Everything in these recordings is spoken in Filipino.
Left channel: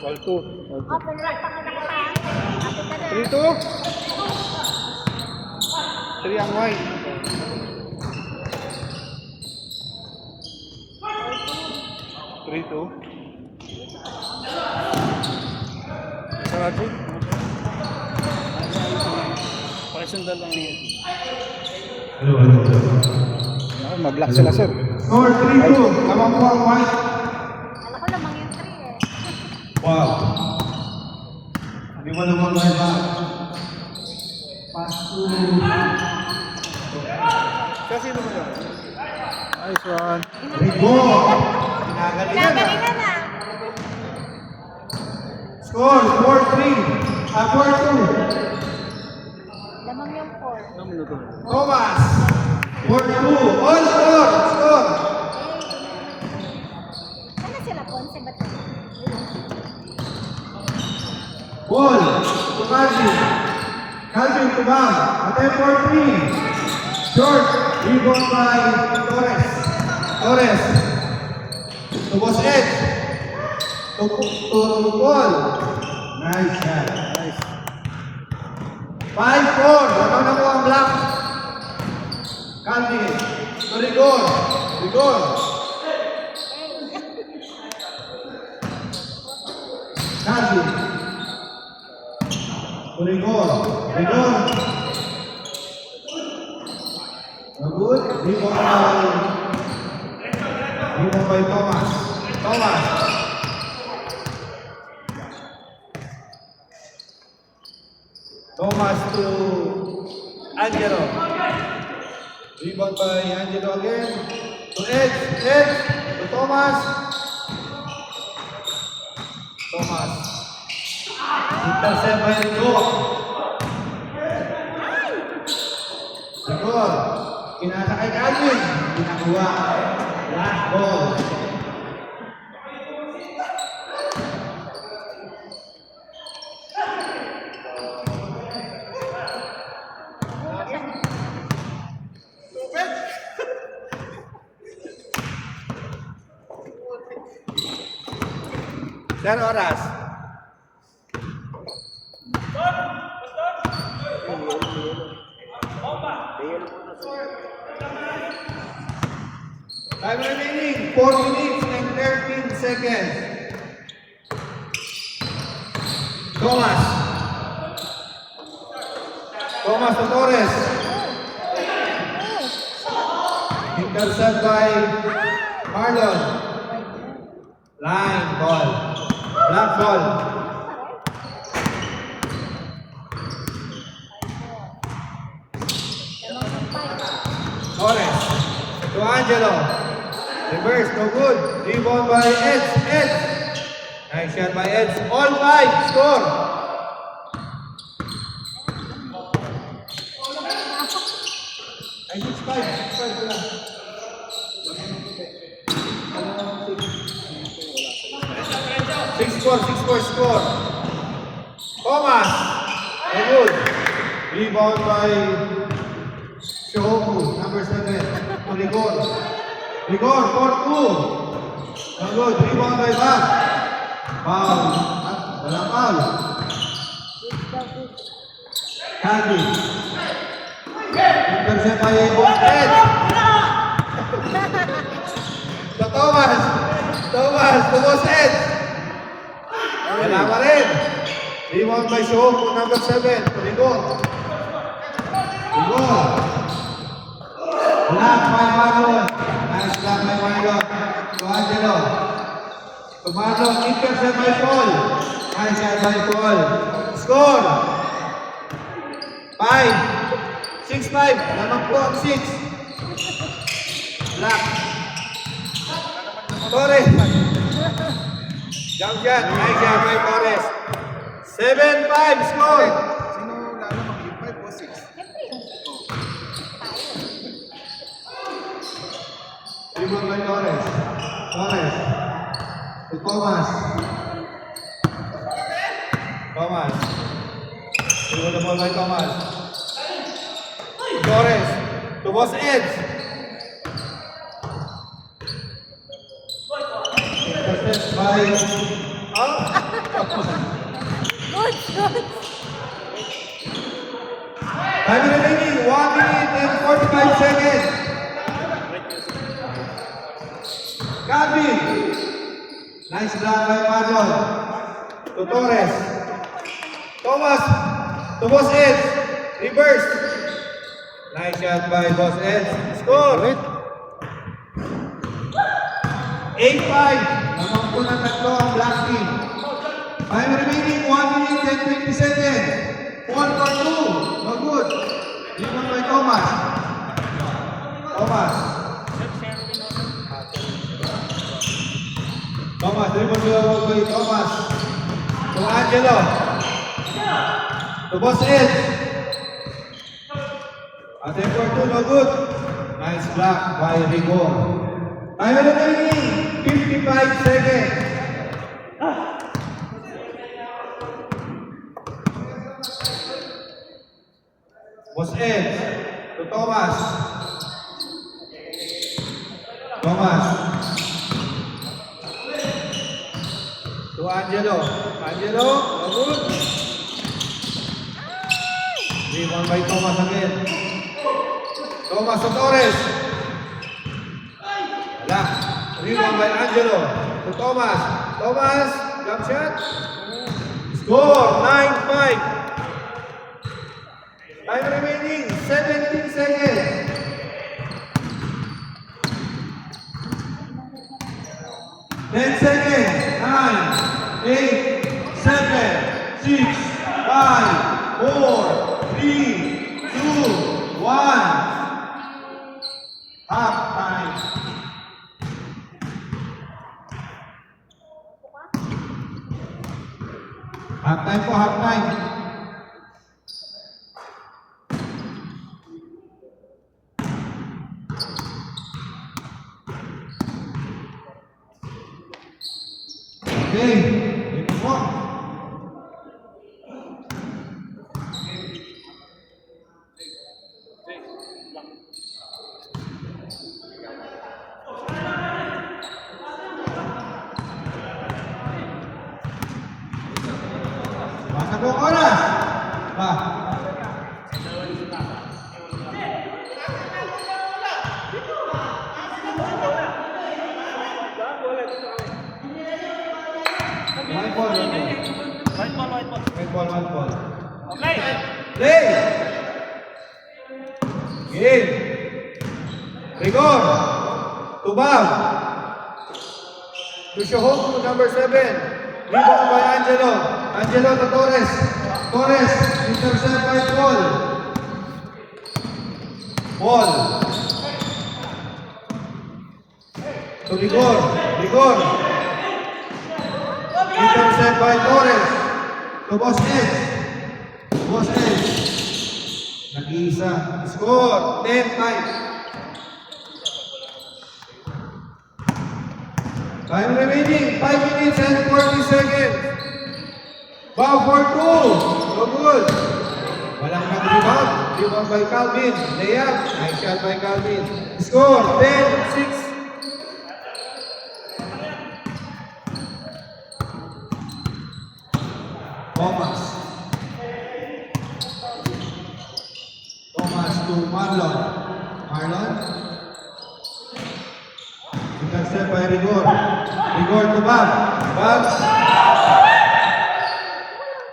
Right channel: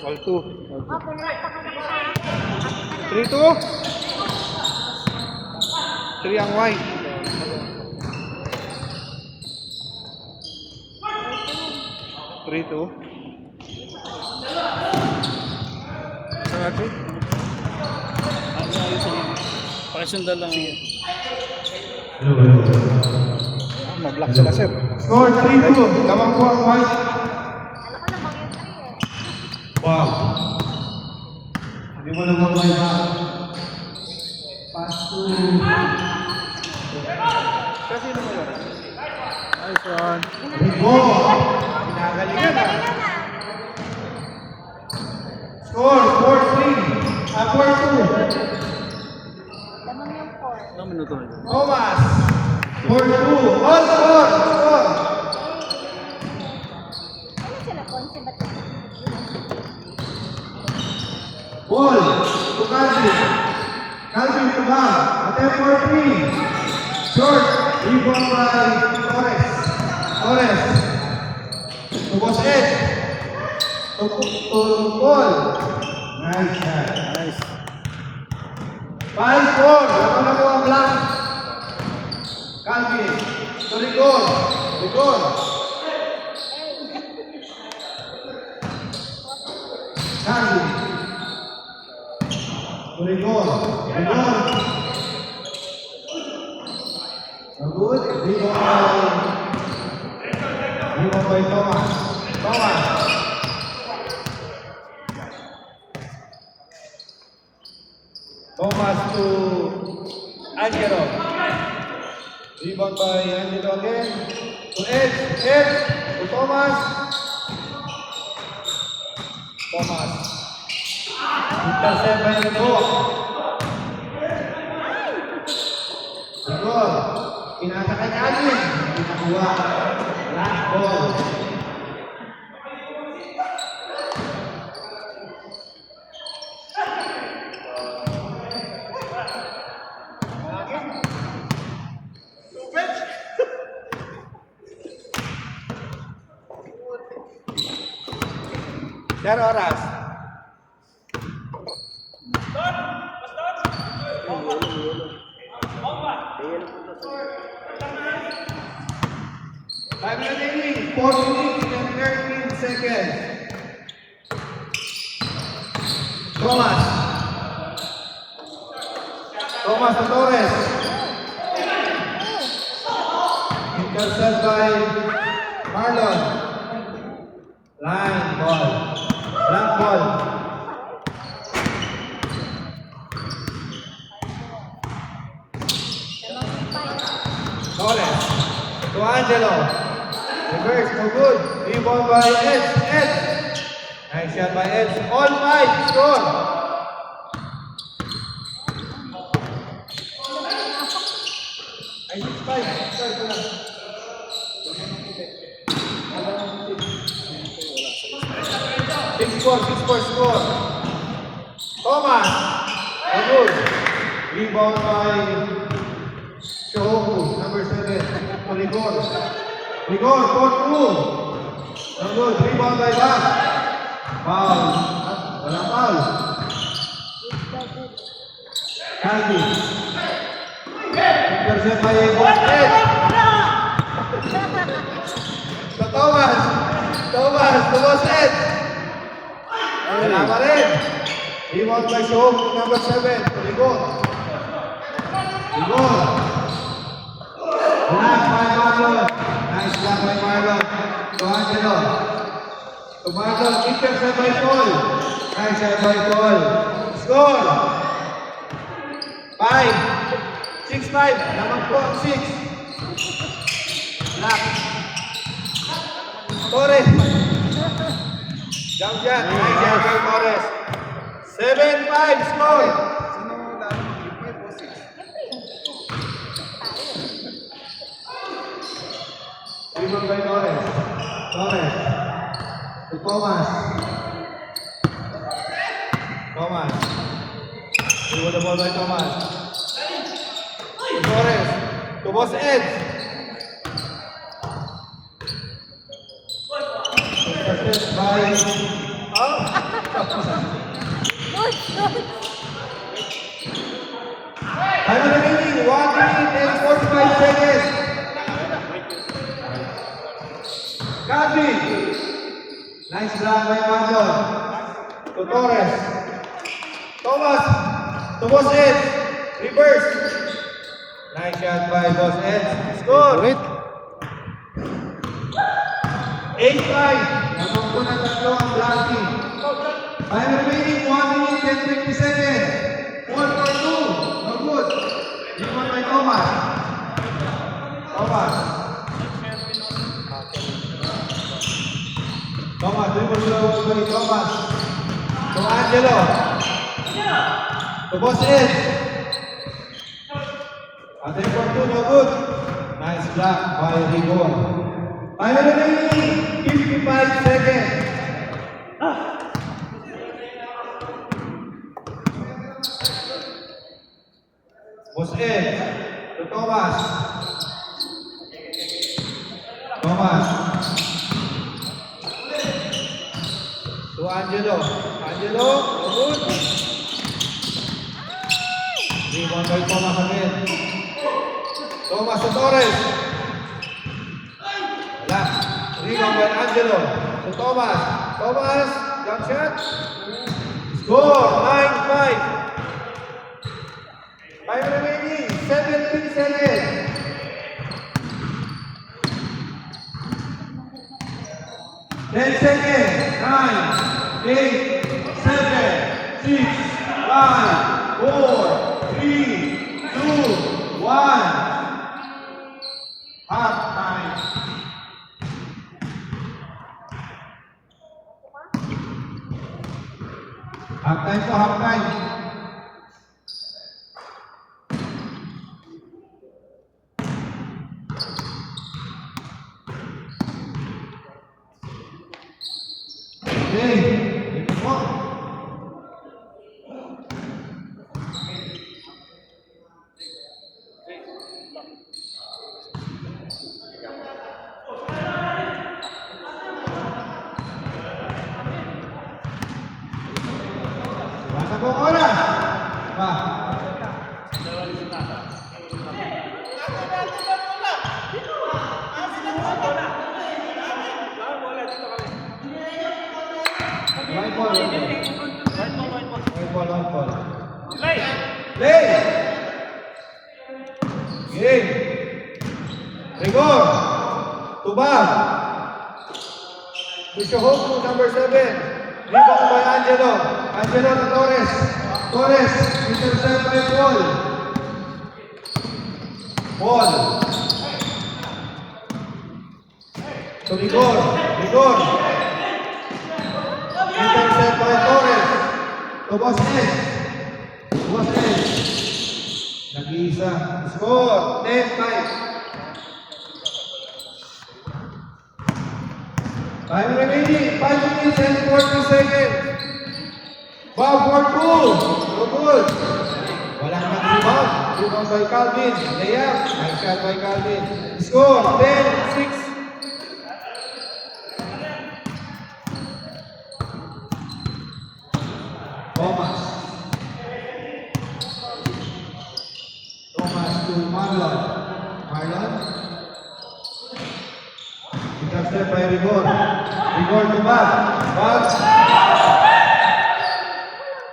Ball 2. 3-2. 3 ang white. 3-2. Sarado. Paresundan lang yan. Mag-block sila, sir. Score 3-2. Lamang po ang white. Alam ko lamang yung 3 eh. Ball. Hindi mo naman white na. Pass to... Kasi ano mo? Nice one. Rigo. Pinagalingan na. Pinagalingan na. Score 4-3. 4-2. Lamang yung 4. Ano minuto na? Thomas. 4-2. All score. Score. Ano sila, Ponce? Ba't Ball. To Calvin. Calvin Kumar. Attempt for 3. Short. Rebound by Torres. Torres. To Bosquet. To Paul. Nice shot. Nice. 5-4. Wala na ang block. Calvin. To Rigor. Rigor. Calvin. To Rigor. Rigor. Good. Rebound by Thomas. Thomas. Thomas to Angelo. Rebound by Angelo again. To Edge. Edge. To Thomas. Thomas. Intercept by Rigo. Rigo. Kinasa kay Calvin. Pinakuha. Last ball. Yan oras. Time remaining, 4 minutes and 13 seconds. Thomas. Thomas to Torres. Intercept by Marlon. Line ball. Blank ball. Torres. To Angelo. Reverse, no good. Rebound by Edge. Edge. Nice shot by Edge. All 5. Score. Ay, 6-5. 6-4 score. Thomas. No good. Rebound by Shohoku, number 7. To Rigor. Rigor, 4-2. No good. Rebound by Zach. Foul. Walang foul. Calvin. Intercept by Bosquet. To Thomas. Thomas, to Bosquet. Wala pa rin. Rebound by Shohoku, number 7. To Rigor. Rigor. Block by Marlon. Nice block by Marlon. To Angelo. To Marlon, intercept by Paul. Nice shot by Paul. Score. 5. 6-5. Lamang po ang 6. Block. Torres. Jump shot. Nice shot by Torres. 7-5 score. Sino lalo? Gipit o 6? Rebound by Torres. Torres. To Thomas. Thomas. Rebound the ball by Thomas. To Torres. To Boss Edge. Intercept by Good, good. Time remaining, 1 minute and 45 seconds. Calvin. Nice block by Marlon. To Torres. Thomas. To Boss Ed. Reverse. Nice shot by Boss Ed. Score. Wait. 8-5. Naman po ng tatlo ang black team. Time remaining, 1 minute and 50 seconds. 1 for 2. No good. Rebound by Thomas. Thomas. Thomas, dribble by Thomas. To Angelo. To Boss Ed. Atin for 2, no good. Nice block by Rigor. Time remaining, 55 seconds. Boss Ed. To Thomas. Thomas. To Angelo. Angelo, no good. Rebound by Thomas again. Thomas to Torres. Wala. Rebound by Angelo. To Thomas. Thomas, jump shot. Score, 9-5. Time remaining, 17 seconds. 10 seconds. 9, 8, 7, 6, 5, 4, 3, 2, 1. Half time. Half time po, half time. Okay, ito po. Basta po oras. Ba. One ball. Play. Game. Rigor. Tubag. Tushohoku, number 7. Rebound by Angelo. Angelo to Torres. Torres, intercept by Paul. Paul. To Rigor. Rigor. Intercept by Torres. To Boss Ed. Boss Ed. Nag-iisa. Score. 10-5. Time remaining. 5 minutes and 40 seconds. Bow for 2. No good. Walang nag-rebound. Rebound by Calvin. Layup. Nice shot by Calvin. Score. 10-6. Thomas. Thomas to Marlon. Marlon. Intercept by Rigor. Rigor to Bob. Bob.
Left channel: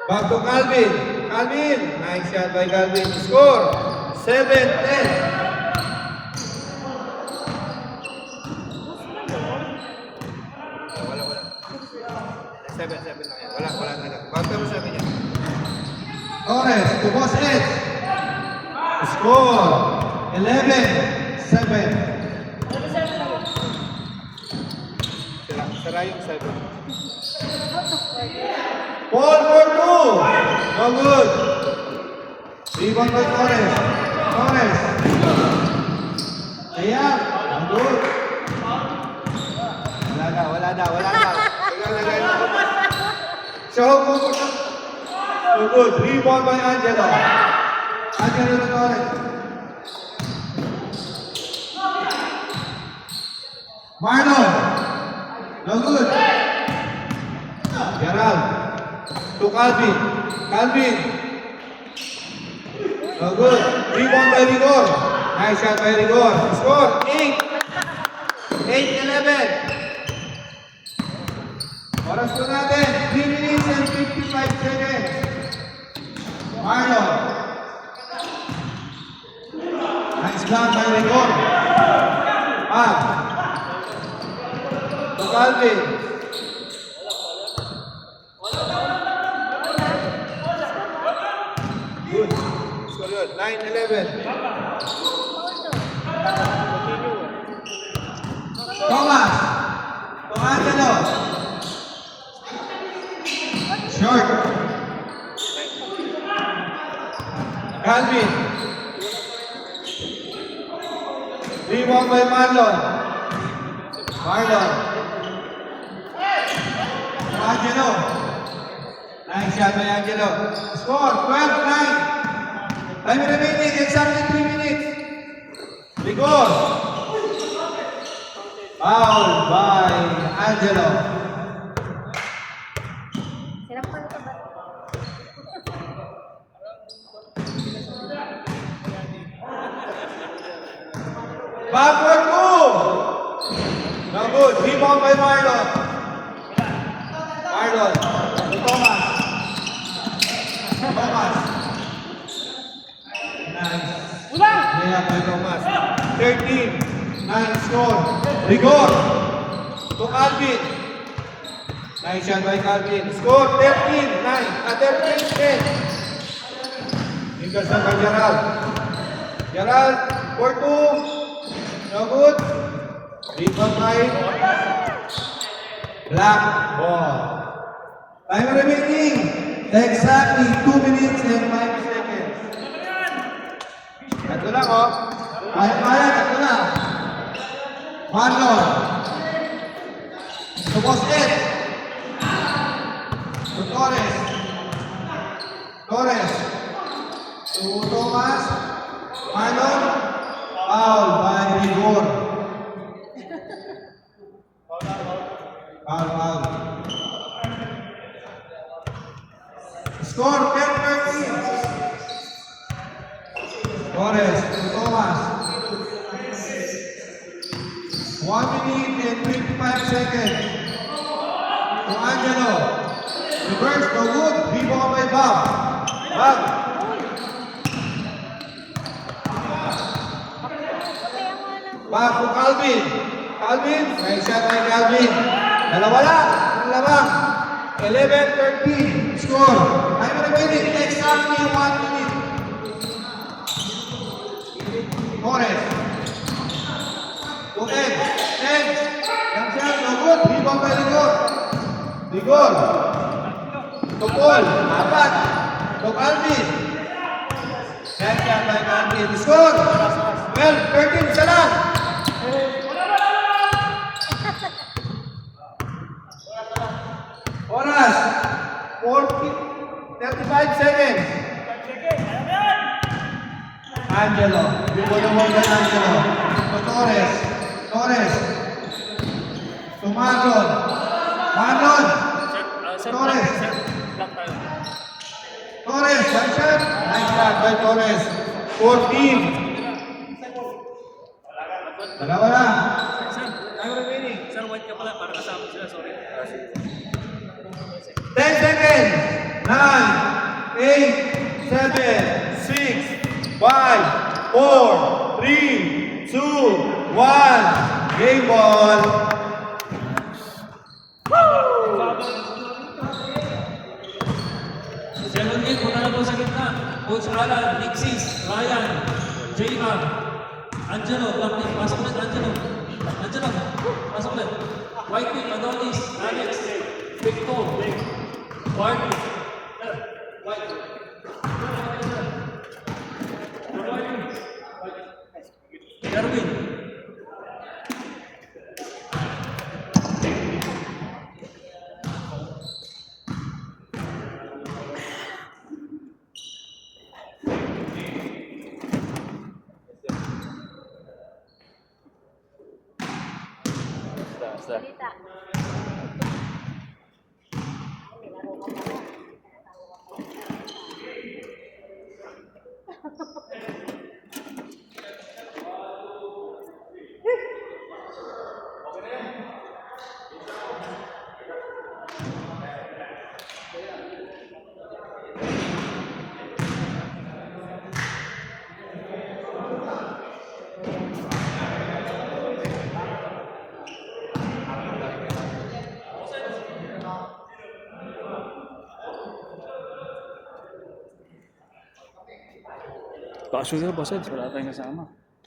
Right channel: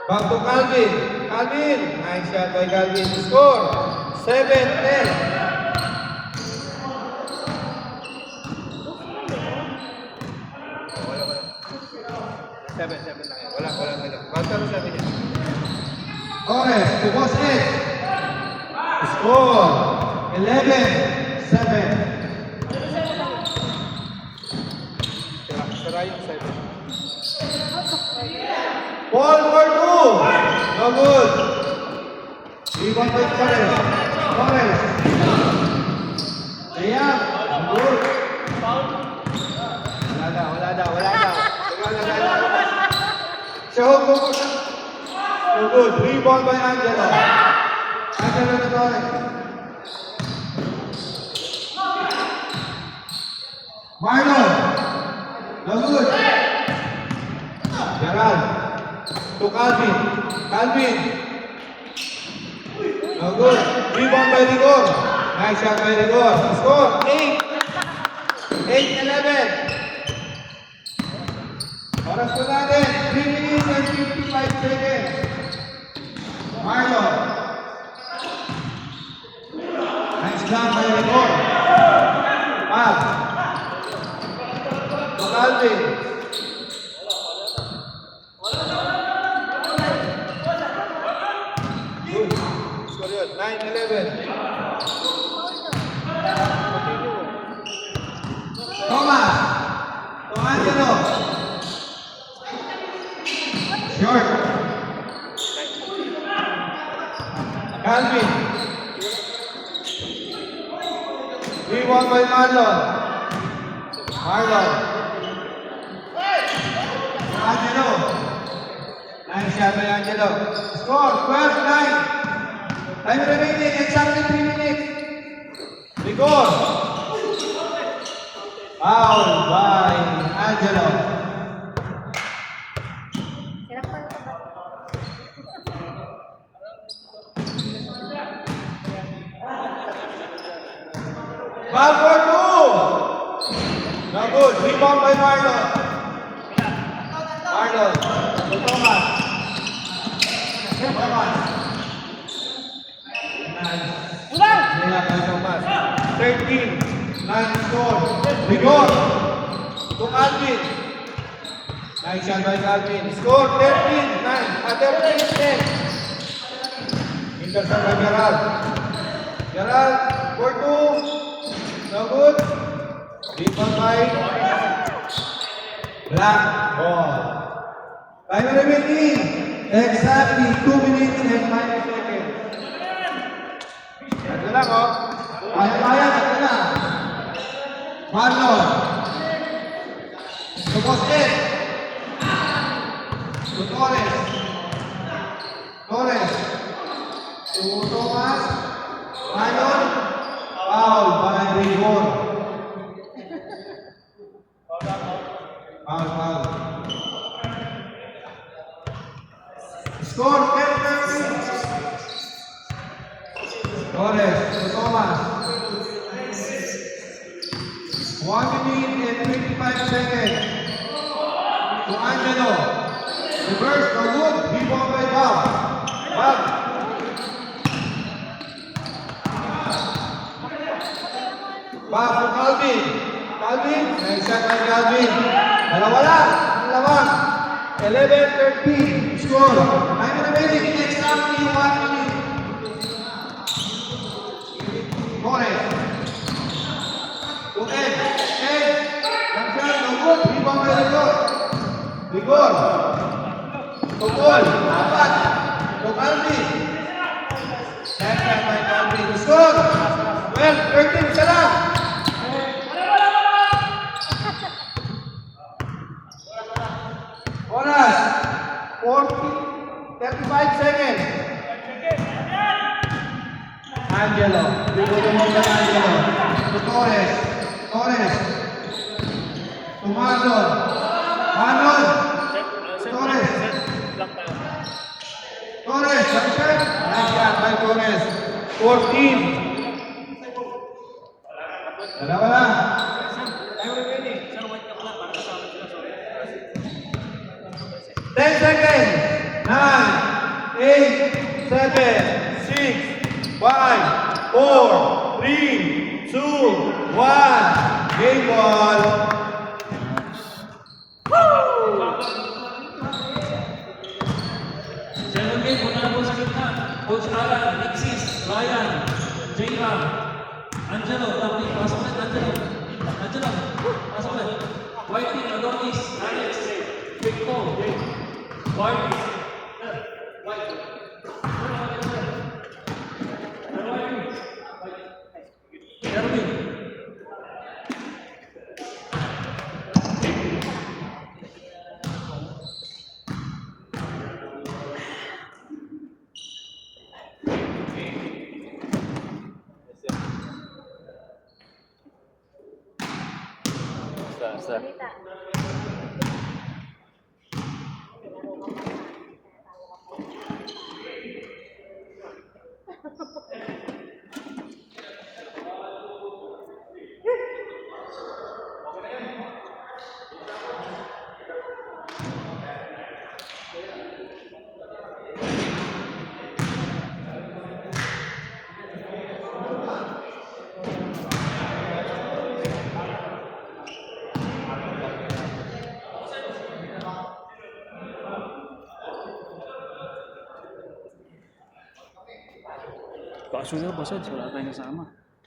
Bob to Calvin. Calvin. Nice shot by Calvin. Score. 7-10. Torres to Boss Ed. Score 11-7. Ball for 2. No good. Rebound by Torres. Torres. Layup. No good. Wala na. Show mo. No good. Rebound by Angelo. Angelo to Torres. Marlon. No good. to Calvin. Calvin. No good. Rebound by Rigor. Nice shot by Rigor. Score 8. 8-11. Oras po natin, 3 minutes and 55 seconds. Marlon. Nice block by Rigor. Mal. To Calvin. Good. Score yun. 9-11. Thomas. To Angelo. Short. Calvin. Rebound by Marlon. Marlon. Angelo. Nice shot by Angelo. Score 12-9. Time remaining exactly 3 minutes. Rigor. Foul by Angelo. Sarap pa ito ba? Foul for 2. No good. Rebound by Marlon. Marlon. To Thomas. Thomas. Nice. Layup by Thomas. 13-9 score. Rigor. To Calvin. Nice shot by Calvin. Score 13-9. 13-10. Intercept by Gerald. Gerald for 2. No good. Rebound by Black ball. Time remaining. Exactly 2 minutes and 5 seconds. Ito lang, oh. Kaya, ito lang. Marlon. To Boston. To Torres. Torres. To Thomas. Marlon. Foul by Rigor. Foul. Score 10-13. Torres to Thomas. 1 minute and 55 seconds. To Angelo. Reverse to good. Rebound by Bob. Bob. Bob to Calvin. Calvin. Nice shot by Calvin. Dalawa lang. Ang lamang. 11-13. Score. I'm remaining exactly 1 minute. Torres. To Ed. Ed. Cancel. No good. Rebound by Rigor. Rigor. To Paul. Apat. To Calvin. Nice shot by Calvin. Score. 12-13. Isa lang. Oras. 35 seconds. Angelo. Dito naman kay Angelo. To Torres. Torres. To Marlon. Marlon. Torres. Torres. Johnson. Nice shot by Torres. 14. Dalawa lang. Time remaining. 10 seconds. 9, 8, 7, 6, 5, 4, 3, 2, 1. Game ball. Second game, punta na po sa gitna. Coach Alan, Nixis, Ryan, J-Ram, Angelo, Bakti, pasok ulit, Angelo. Angelo, pasok ulit. Whitefield, Adonis, Alex, Victor, Whitefield, Whitefield. Erwin. Salita. Bakasyon na, Bossed. Wala tayong kasama.